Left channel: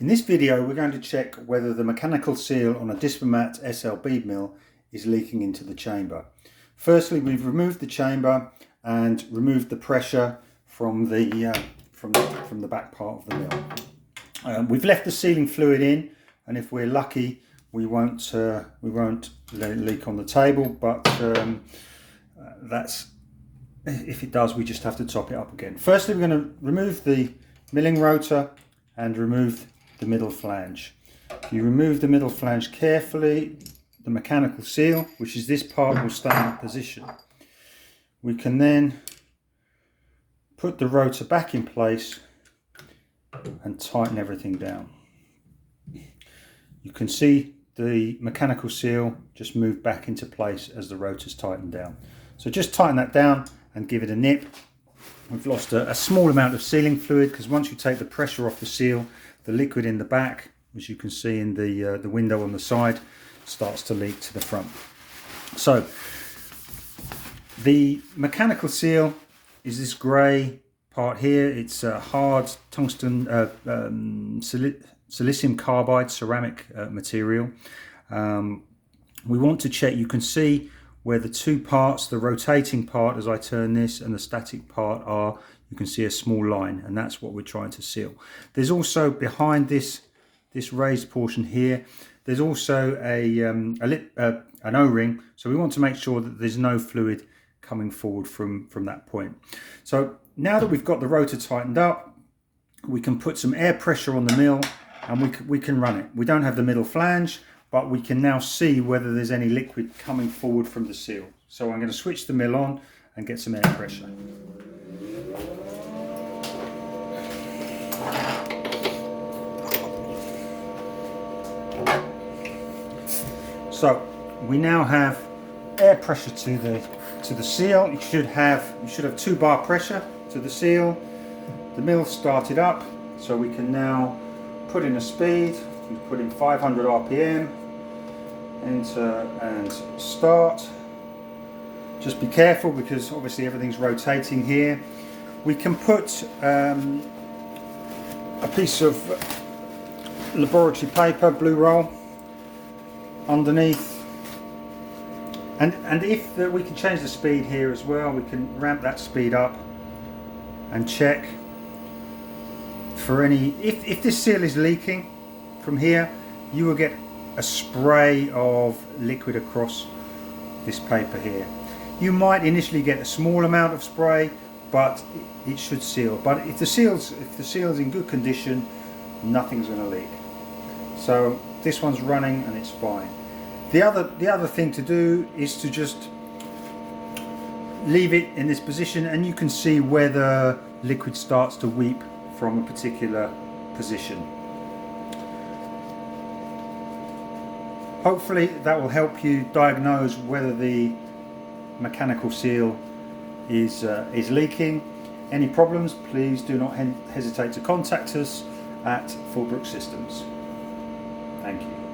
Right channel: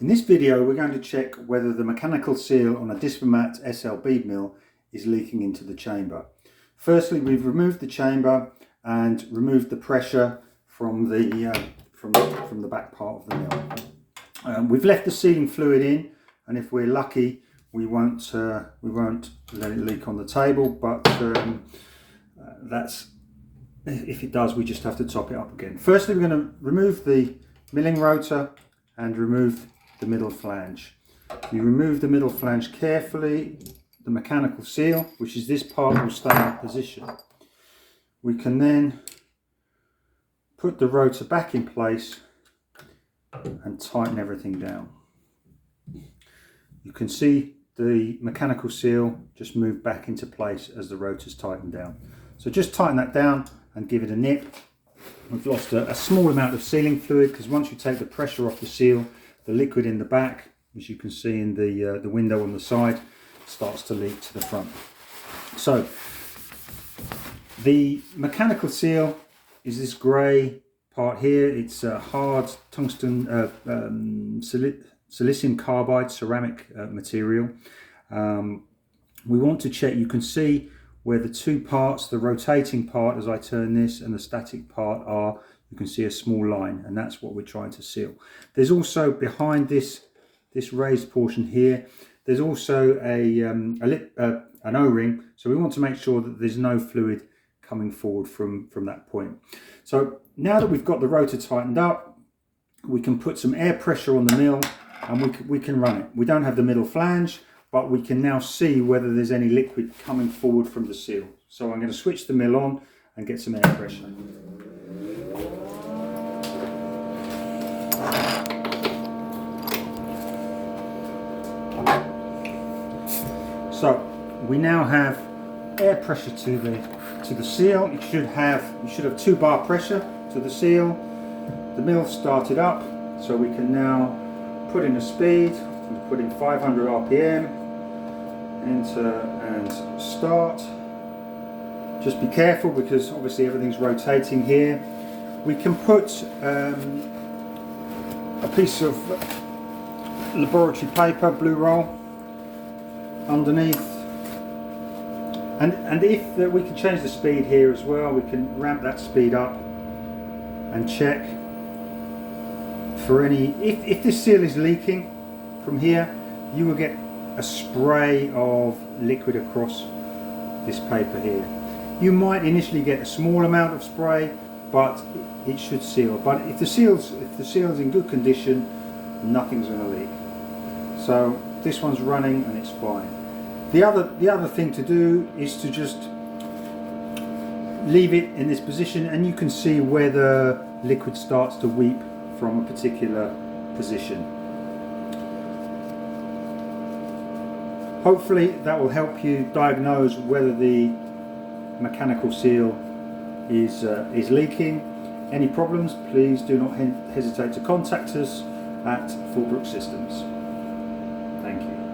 In this video we're going to check whether the mechanical seal on a DISPERMAT SL bead mill is leaking into the chamber. Firstly, we've removed the chamber and removed the pressure from the back part of the mill. We've left the sealing fluid in, and if we're lucky we won't let it leak on the table, but if it does, we just have to top it up again. Firstly, we're going to remove the milling rotor and remove the middle flange. You remove the middle flange carefully. The mechanical seal, which is this part, will stay in position. We can then put the rotor back in place and tighten everything down. You can see the mechanical seal just move back into place as the rotor's tightened down. So just tighten that down and give it a nip. We've lost a small amount of sealing fluid, because once you take the pressure off the seal, the liquid in the back, as you can see in the window on the side, starts to leak to the front. So the mechanical seal is this grey part here. It's a hard tungsten silicium carbide ceramic material. We want to check. You can see where the two parts, the rotating part as I turn this and the static part are. You can see a small line, and that's what we're trying to seal. There's also behind this raised portion here, there's also an O-ring, so we want to make sure that there's no fluid coming forward from that point. So now that we've got the rotor tightened up, we can put some air pressure on the mill and we can run it. We don't have the middle flange, but we can now see whether there's any liquid coming forward from the seal. So I'm going to switch the mill on and get some air pressure. So we now have air pressure to the seal. You should have 2 bar pressure to the seal. The mill started up, so we can now put in a speed. We put in 500 RPM, enter and start. Just be careful, because obviously everything's rotating here. We can put a piece of laboratory paper, blue roll, underneath, and if we can change the speed here as well. We can ramp that speed up and check for any, if this seal is leaking from here, you will get a spray of liquid across this paper here. You might initially get a small amount of spray, but it should seal. But if the seal's in good condition, nothing's going to leak. So this one's running and it's fine. The other thing to do is to just leave it in this position, and you can see where the liquid starts to weep from a particular position. Hopefully that will help you diagnose whether the mechanical seal is leaking. Any problems, please do not hesitate to contact us at Fullbrook Systems. Thank you.